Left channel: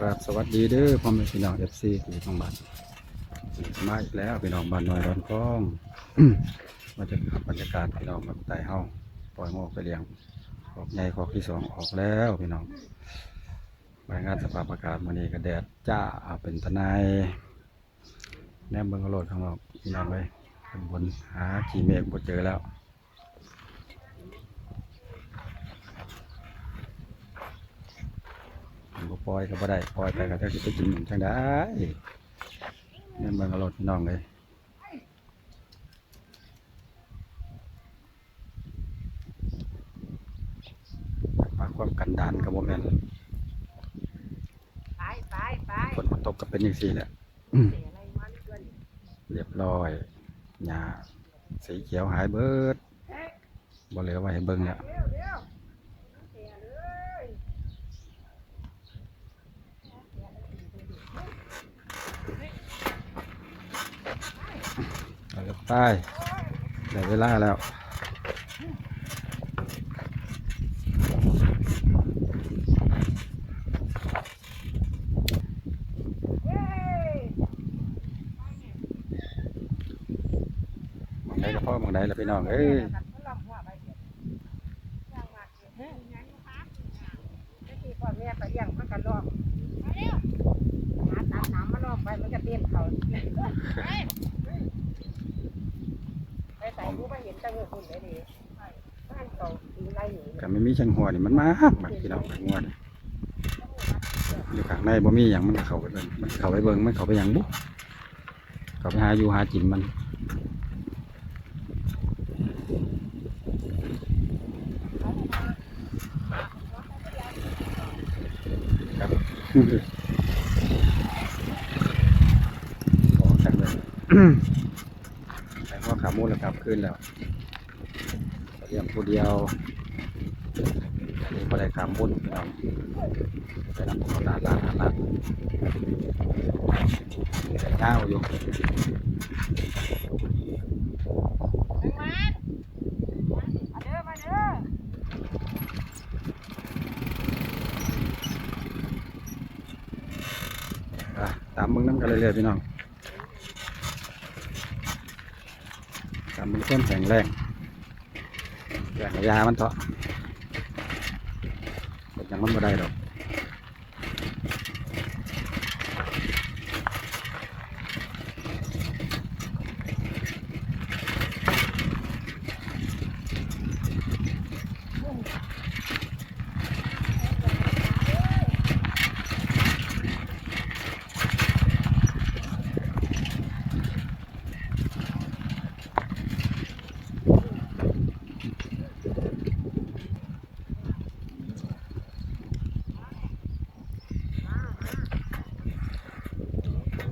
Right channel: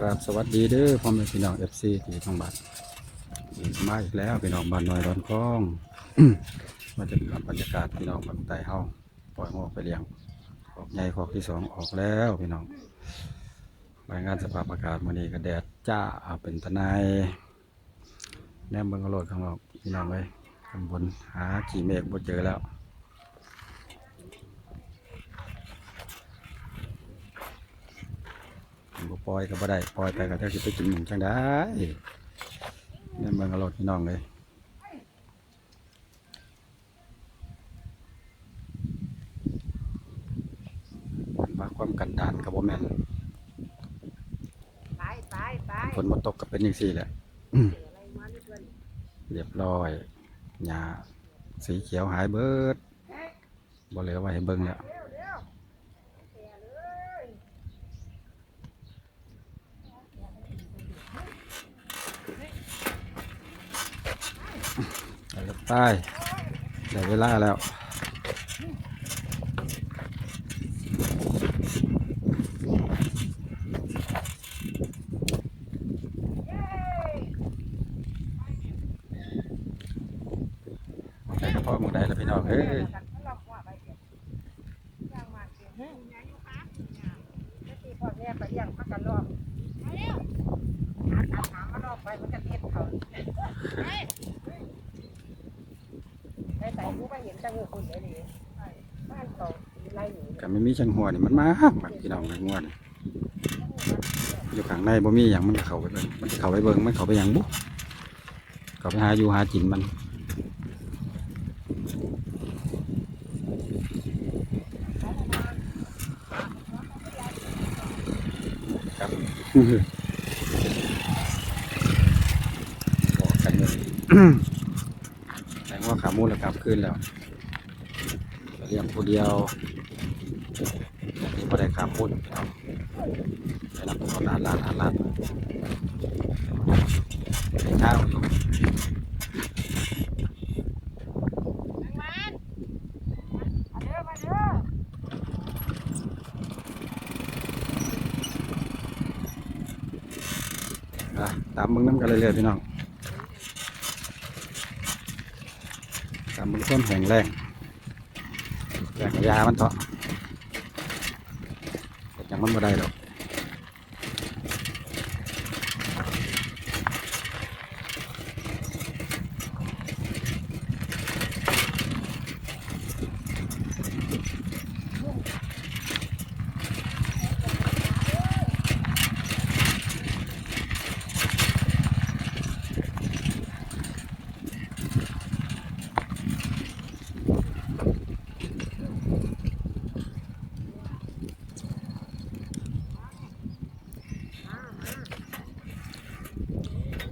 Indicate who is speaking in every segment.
Speaker 1: ครับสวัสดีเด้อพ่อแม่พี่น้องเอฟซีที่ทองบ้านมาอีกแล้วพี่น้องบ้านน้อยร้อนคลองมาจะทำบรรยากาศพี่น้องบางไต่เฮาปล่อยงอกไปเลี้ยงขอกใหญ่ขอกที่สองออกแล้วพี่น้องรายงานสภาพอากาศมื้อนี้ก็แดดจ้าเป็นทนายแนมเบิ่งกระโดดข้างนอกพี่น้องเลยข้างบนหาขี่เมฆบ่เจอแล้ว ผมก็ปล่อยก็บ่ได้ปล่อยไปก็จะสิไปกินหยังจังได้เนี่ยเบิ่งอารถพี่น้องเลยมาความกันดานกับบ่แม่นฝนมาตกก็เป็นอย่างสี่แหละเรียบร้อยหญ้าสีเขียวหายเบิดบ่เหลือไว้ให้เบิ่งแล้ว ไปกับใต้ได้เวลาแล้วมองใดก็พ่อมองใดละพี่น้องเอ้ย
Speaker 2: พ่อแม่ก็เลี้ยงมันก็รอบอาบน้ำมารอบไปมันก็เต้นเขา
Speaker 1: ก็ไม่มีช่างหัวนี่มันมากแบบพี่น้องงวดอยู่ข้างในบ่มีอย่างมันเข้าไปเบิ่งมันเข้าไปเบิ่งมันเข้าไปอย่างบุ๊เข้าไปหาอยู่หากินมันครับบอกกันเลยแต่ว่าขามูลกลับขึ้นแล้ว เลี้ยงผู้เดียวอันนี้พอได้ขามูลพี่น้องไปนำตัวลาดลาดลาลาดข้าวอยู่ตามมึงน้ำกันเรื่อยๆพี่น้องตามมึงต้นแข็งแรง ยามันเถอะยังมันบ่ได้ดอก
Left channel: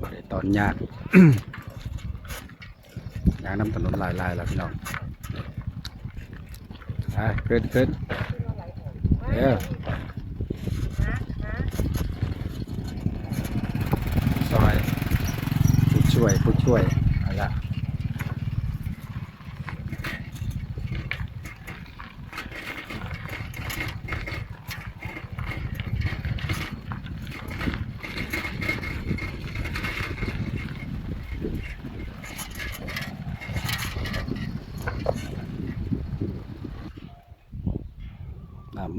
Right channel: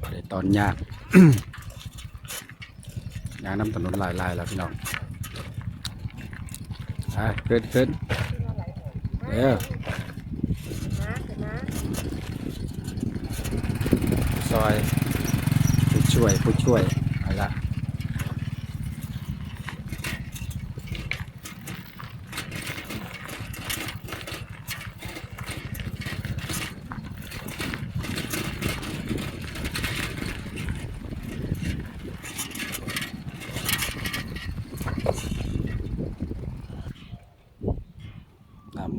Speaker 1: บ่ได้ ตอนยากยางน้ำถนนหลายๆแล้วพี่น้องอะขึ้นขึ้นเออ
Speaker 2: นะนะ
Speaker 1: ซอยผู้ช่วยผู้ช่วยเอาละ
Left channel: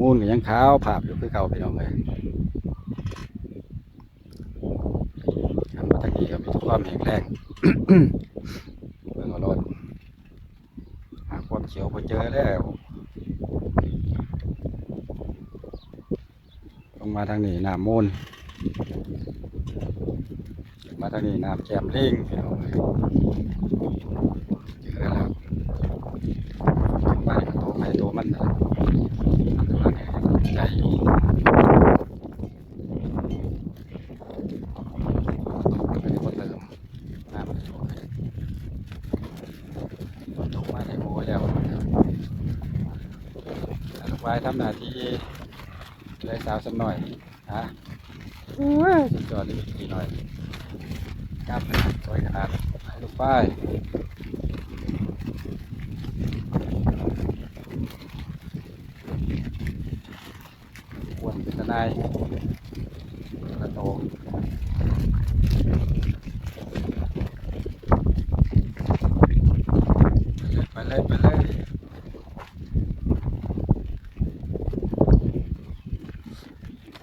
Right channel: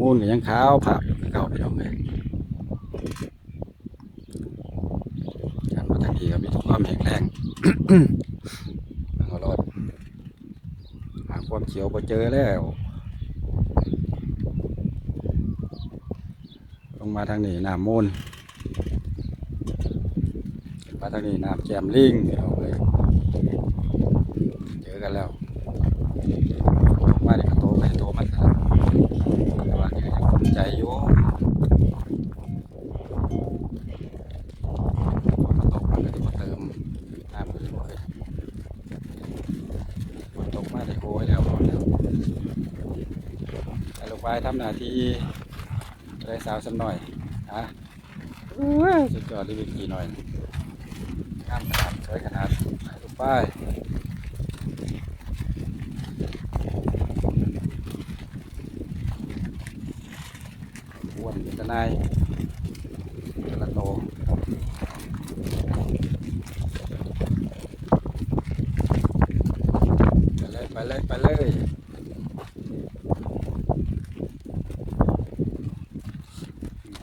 Speaker 1: น้ำมูลก็ยังขาวผับอยู่คือเก่าพี่น้องเลยการมาจากนี้ก็มีทุกความแข็งแรงเบิ่งเอารถหาความเขียวพอเจอแล้ว ลงมาทางนี้น้ำมูลมาทางนี้น้ำแจมลิงพี่น้องเลยเจอกันแล้วมาเนี่ก็โตไปโตมันนะ ใจอยู่ตกมันก็จะมาเติมน้ำมันจะบ่ขึ้นฝนตกมาได้โอ้ยแล้วแต่ลูกไว้ทำหน้าที่เลยสาวสักหน่อยฮะเอ้ยสุดยอดเลยไปขี่หน่อยงามขนาดสวยขนาดให้ลูกป้ายอ้ว นายกระโตไปเลยไปเลยไปเลย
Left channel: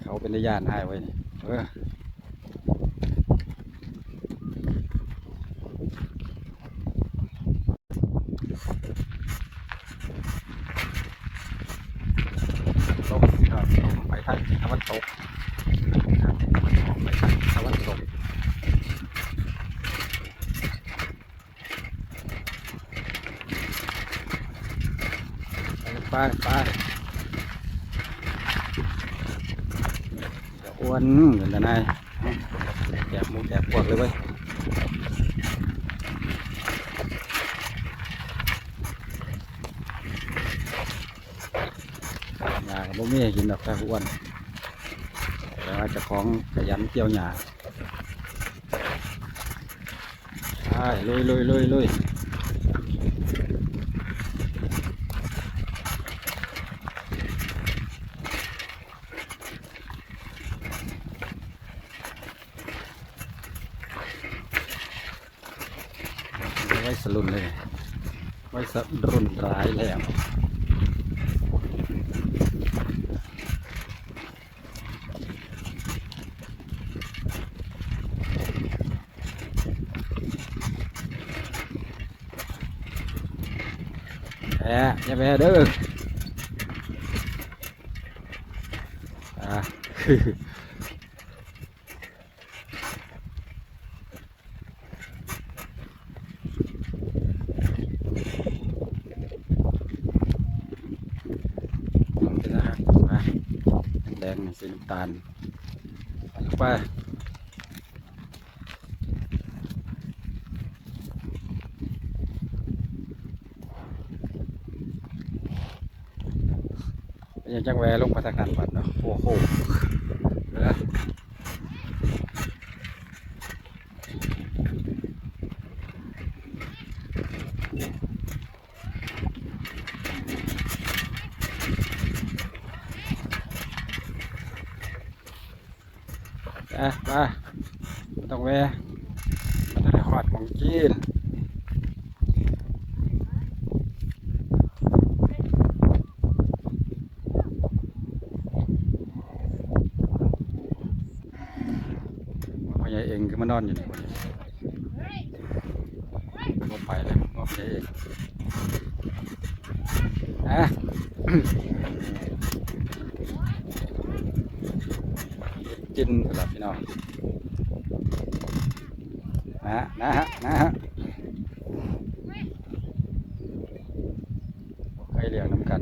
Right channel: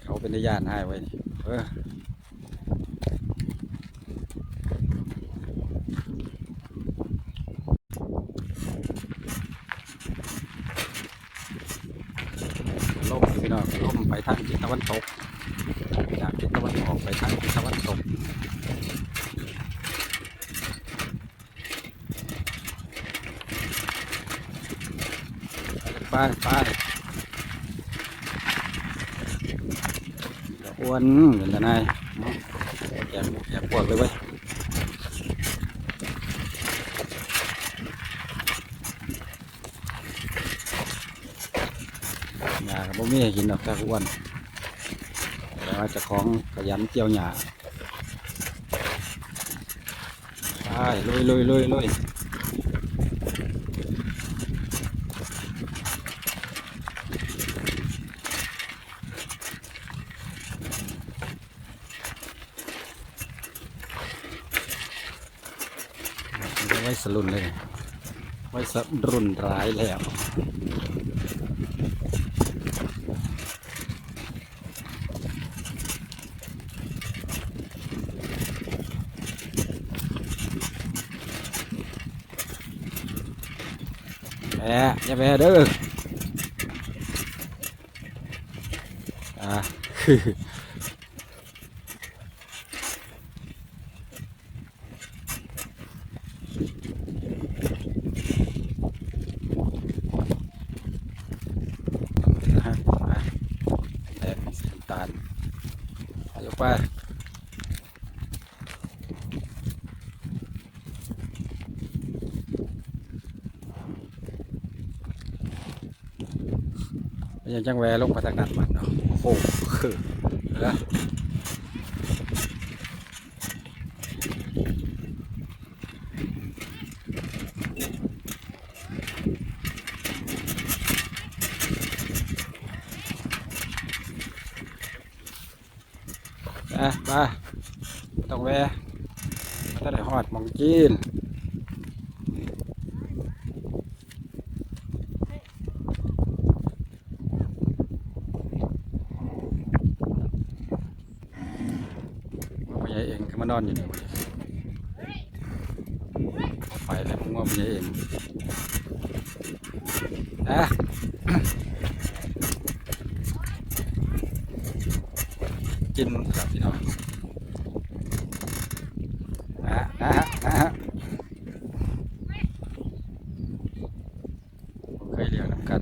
Speaker 1: เขาเป็นญาติให้ไว้นี่เออ ลมพี่มไปทางทิศตะวันตกทางทิศตะวันออกไปทางทิศตะวันตกไปไปอ้วนเหมือนกันนายแกะหมูแกปวดเลยเว้ยากับบ่มีให้กินดอกแต่อ้วนแต่ว่าจะของขยันเกี่ยวหญ้าไปลุยลุยลุยลุยไว้สลุนเลย ไว้สรุนร้ายแล้ว แอะอย่าแพ้เด้ออ่าเป็นนะฮะอะแดงๆสีน้ำตาลเดี๋ยวไป ยังจังแวลงพัฒการมันเนาะโอ้โหคือนะไปไปบ่ต้องแวะมันต้องได้หอดมองจีนว่าพ่อใหญ่เอนอยู่นี่วันนี้บ่ไปเลยมึงว่าพ่อใหญ่เองอะกินสำหรับพี่น้องนะฮะนะฮะนะฮะผมเคยเลี้ยงน้ำกัน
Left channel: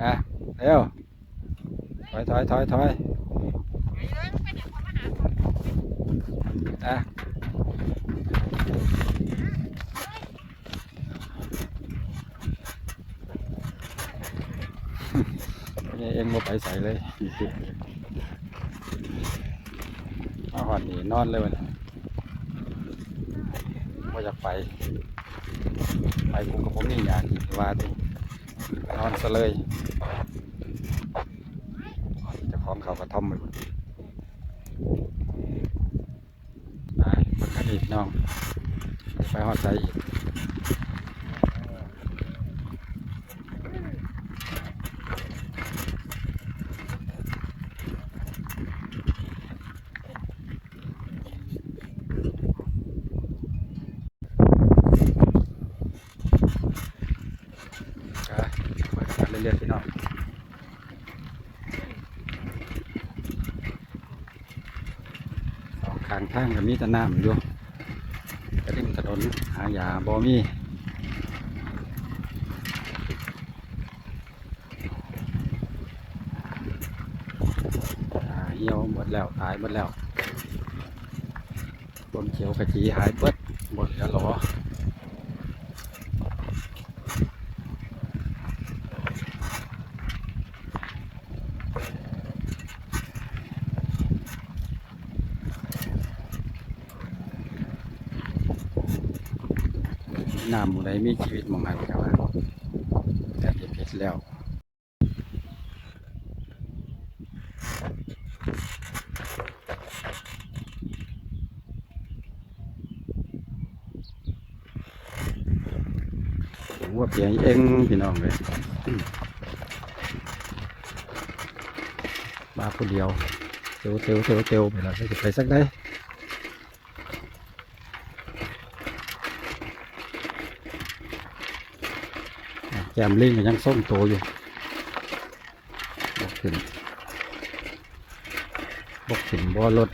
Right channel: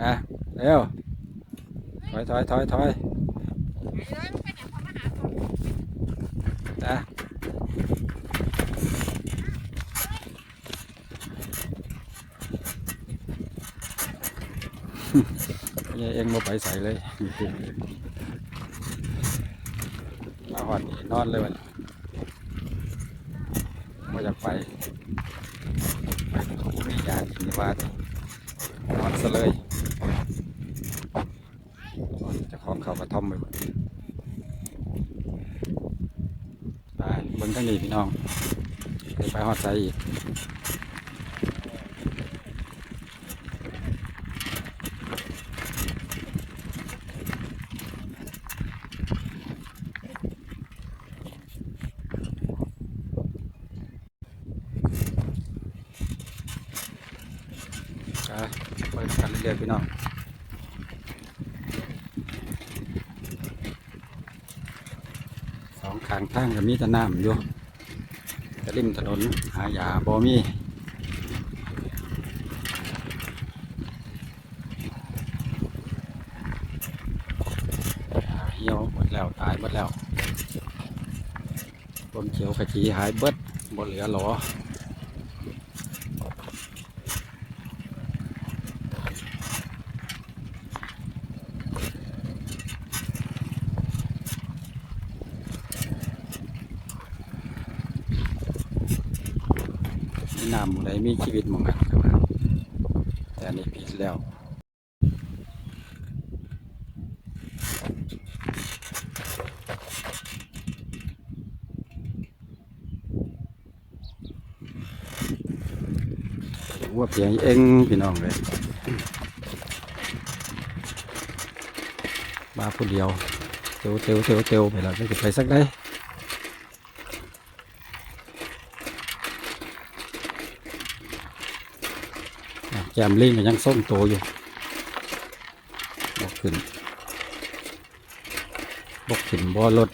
Speaker 1: อะเร็วถอยถอยถอยถอยอะ ยังเองมาไป ใส่เลย มาหอนนี่นอนเลยวันว่าอยากไป ไปผมก็ผมนี่อยากกินว่าดินอนซะเลยนอนจะคล้าของเขากระท่อมไปหมดไปเบิ่งกันนี่พี่น้องไปหอดใสอีกไปกัน เรื่อยๆพี่น้องสองข้างทางก็มีแต่น้ำอยู่กระดิ่มถนนหายาบ่มีเหี่ยวหมดแล้วตายหมดแล้วบมเขียวกะจีหายเบิดบ่เหลือหรอ น้ำหมูใมีชีวิตมองหันกันว่าแต่นี่ผิดแล้วว่าเปลี่ยนเองพี่น้องเลยมาผู้เดียวเตียวเตียวเตียวเตีวไปแล้วจะไปสักได้ มลิงก็ยังส้มโตอยู่บกขึ้นบกขึ้นบ่อรถ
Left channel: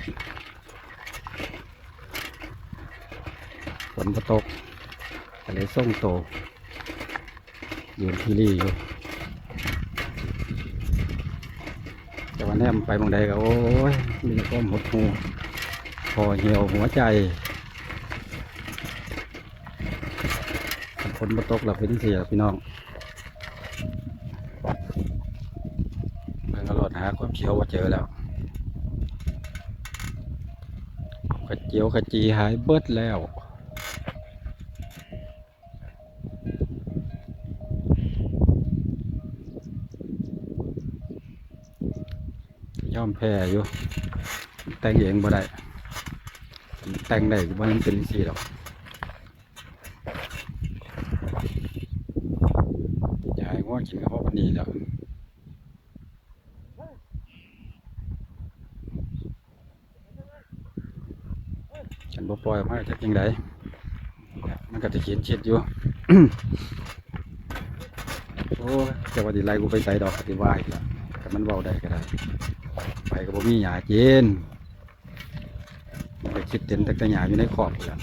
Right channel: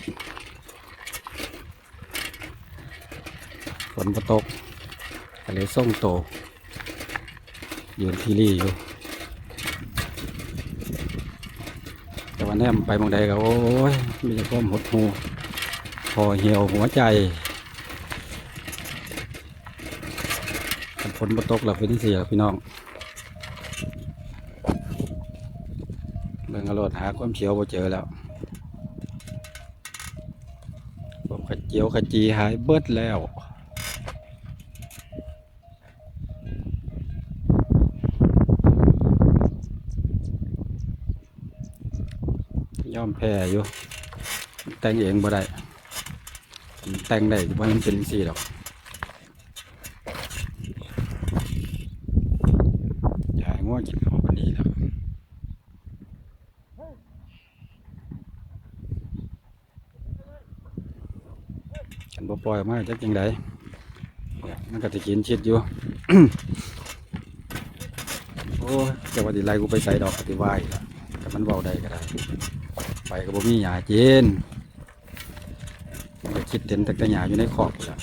Speaker 1: ฝนตกก็เลยส่งโตยืนที่รี่อยู่แต่วันนี้ไปมองใดก็โอ้ยมีแต่ความหดหูพอเหี่ยวหัวใจฝนมาตกหลับเป็นเสียพี่น้อง หาความเขียวบ่เจอแล้วผมกระเจียวกระจีหายเบิดแล้วย่อมแพ้อยู่แต่งเองบ่ได้แต่งได้บ่ยังเป็นสี่หรอกยายง่วงกินข้าวปันนี้แล้วฉันบ่ป ล่อยออกมาจะยังไงมันก็จะเขียนชิดอยู่ โอ้เจะว่าดีไรกูไปใส่ดอกปฏิวัยละแต่มันเบาได้ก็ได้ไปกับผมนี่หยาเจนมันก็คิดเต็นแต่กระหยาอยู่ในขอบละ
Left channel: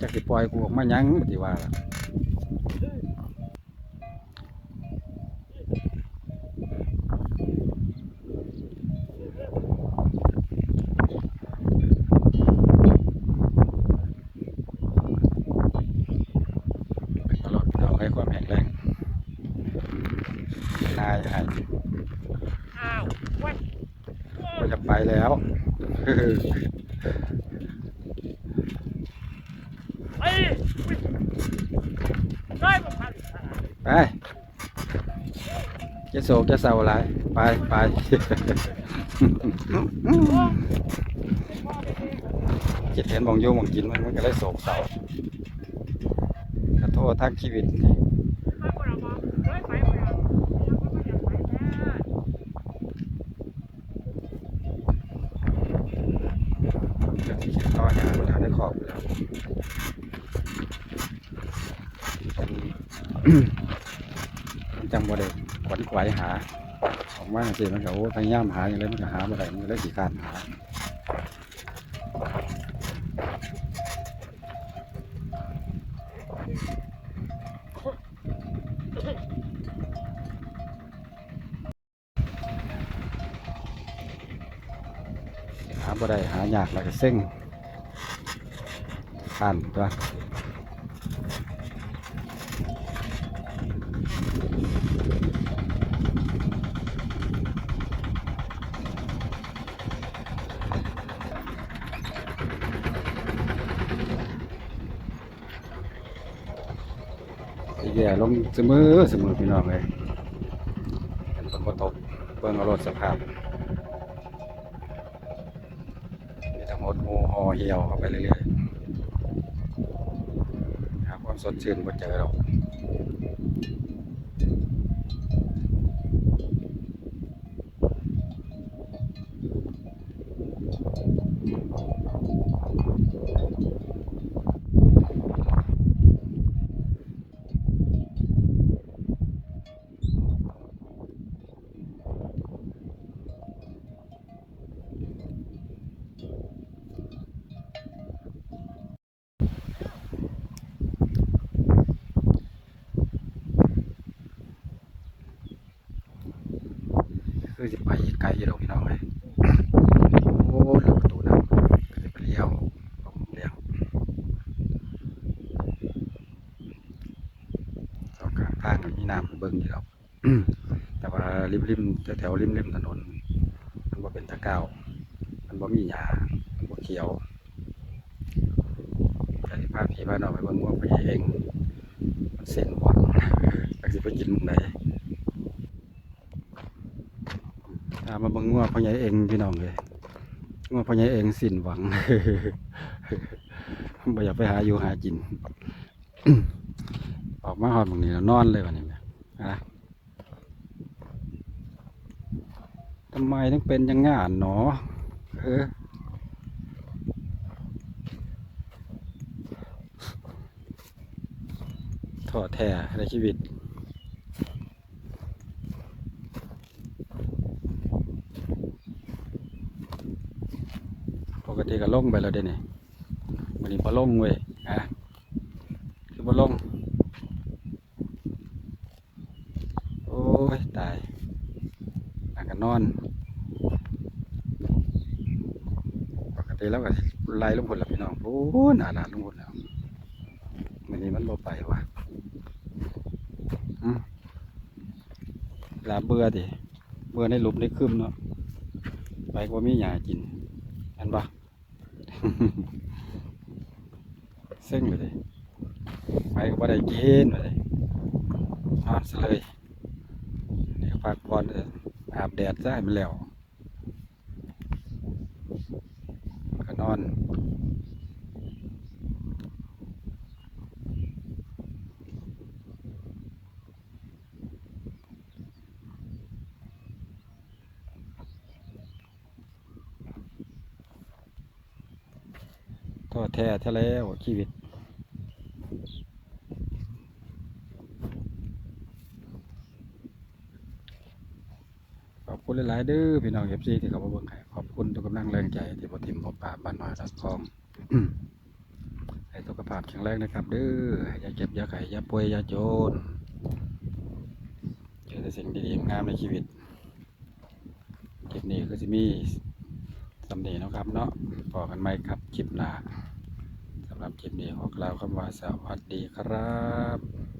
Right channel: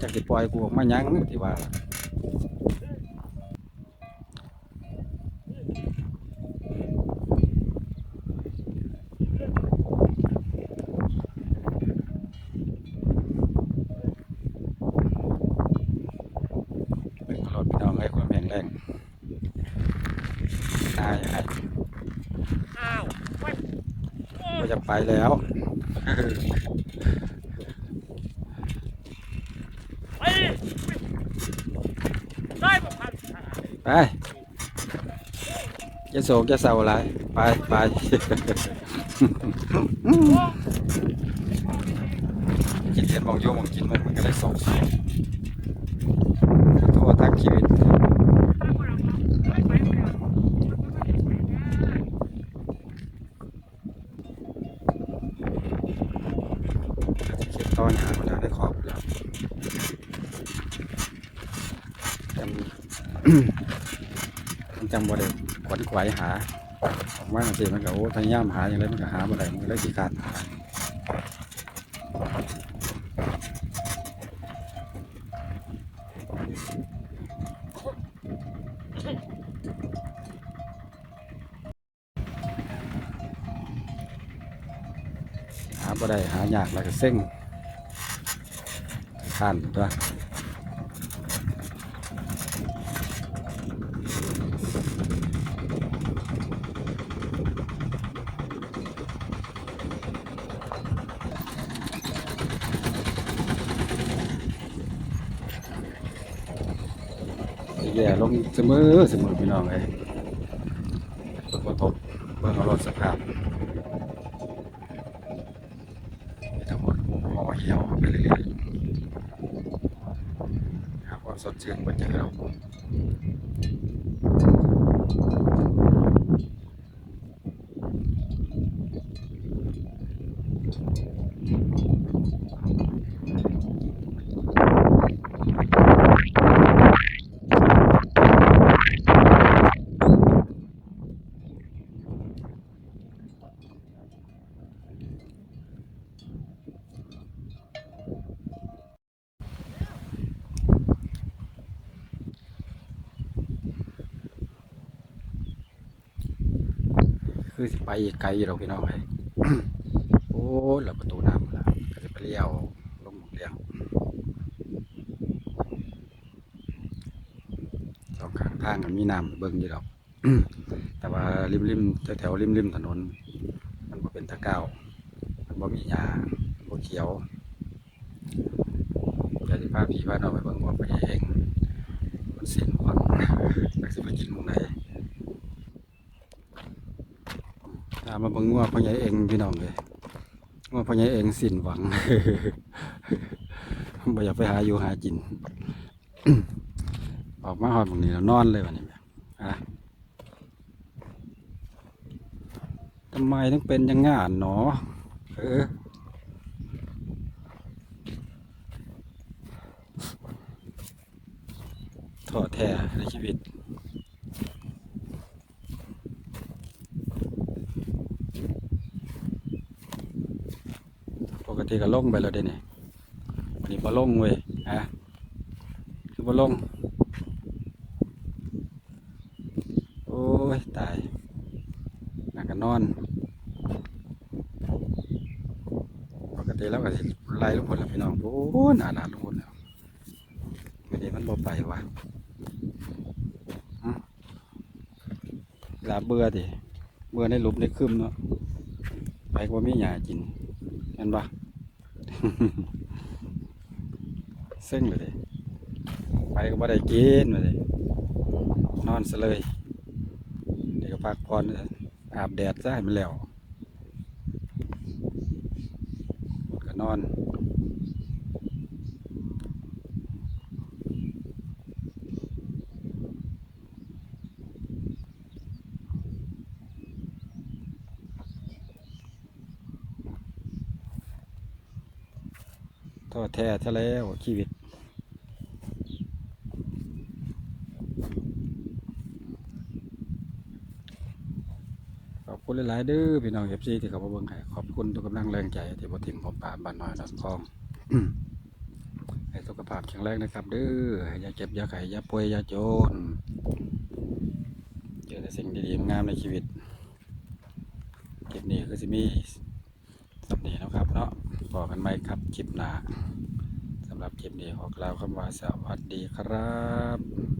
Speaker 1: จากสิปล่อยกูออกมายังปฏิวัยละเป็นตลอดพี่น้องให้ความแข็งแรงนายให้
Speaker 2: อ้าว
Speaker 1: ก็จะไปแล้ว
Speaker 2: เฮ้ยเฮ้ยบ่ทัน
Speaker 1: ไปจะโศกจะเศร้าอะไรไปไปคิดเห็นมองโยมองกินมันมันก็ได้โศกเศร้าทั่วทั้งชีวิตตอนงานคนทางได้ขอบอยู่แล้วจัง มันจังบ่ได้ขวนขวายหาออกมาสิมันก็โอ้พยายามหาอย่างไรมันก็หาบ่ได้มันก็ได้สิการหาหาบ่ได้หายากแล้วก็เซ็งขันตัว ย่ลงเสมอเสมอพี่น้องเลยฝนบ่ตกเบิ่งเอารถสภาพมีทั้งหมดหูหอเหี่ยวเข้าไปเรื่อยๆหาความสดชื่นบนใจเราคื อีกไกลอยู่เราพี่น้องเลยโอ้เลืประตูน้ำก็จะไปเลี้ยวลงเลี้ยวสองข้างทางมันมีน้ำเบิ่งอยู่ดอกแต่ว่าริมริมแถวริมริมถนน มันบ่เป็นตะก้าวมันบ่มีหญ้ามันบ่เขียวแต่ที่พาพี่พาน้องไปเบิ่งว่าไปเองมันเส้นหวังจักสิไปกินมุงไหนตามมาบิ่งงัวพ่อใหญ่เองพี่น้องเลยงัวพ่อใหญ่เองสิ้นหวังบ่อยากไปหาอยู่หากิน ออกมาหอดบางนี้แล้วนอนเลยวันนี้อะทำไมต้องเป็นยังงานหนอ เออท้อแท้ในชีวิต ป กติก็ลงไปแล้วเด้นี่วันนี้พอลงเว้ยฮะคือพอลง โอ้ย ตายนั่งกันนอน ปกติแล้วก็ไล่ลงพลละพี่น้องโอ้หนาหนาลงพลแล้ววันนี้มันบ่ไปวะลาเบื่อดิเบื่อในหลุมในคืมเนาะไปก็บ่มีหยากินเห็นปะ เซ็งเลยไปก็บ่ได้กินเลยนอนซะเลยเดี๋ยวพักผ่อนเถอะอาบแดดซะให้มันแล้วก็นอน แท้แท้แล้วชีวิตขอบคุณหลาย ๆ เด้อพี่น้องเอฟซีที่เขามาเบิ่งให้ขอบคุณทุกกำลังแรงใจ ที่บ่ทิมบ่ปาบบ้านน้อยดอนคลองให้สุขภาพแข็งแรงนะครับเด้ออย่าเจ็บอย่าไข้อย่าป่วยอย่าจนเจอแต่สิ่งดีๆงามในชีวิตคลิปนี้ก็จะมีสำเนียงนะครับเนาะพอกันไหมครับคลิปหน้า หรับคลิปนี้ขอกล่าวคำว่าสวัสดีครับ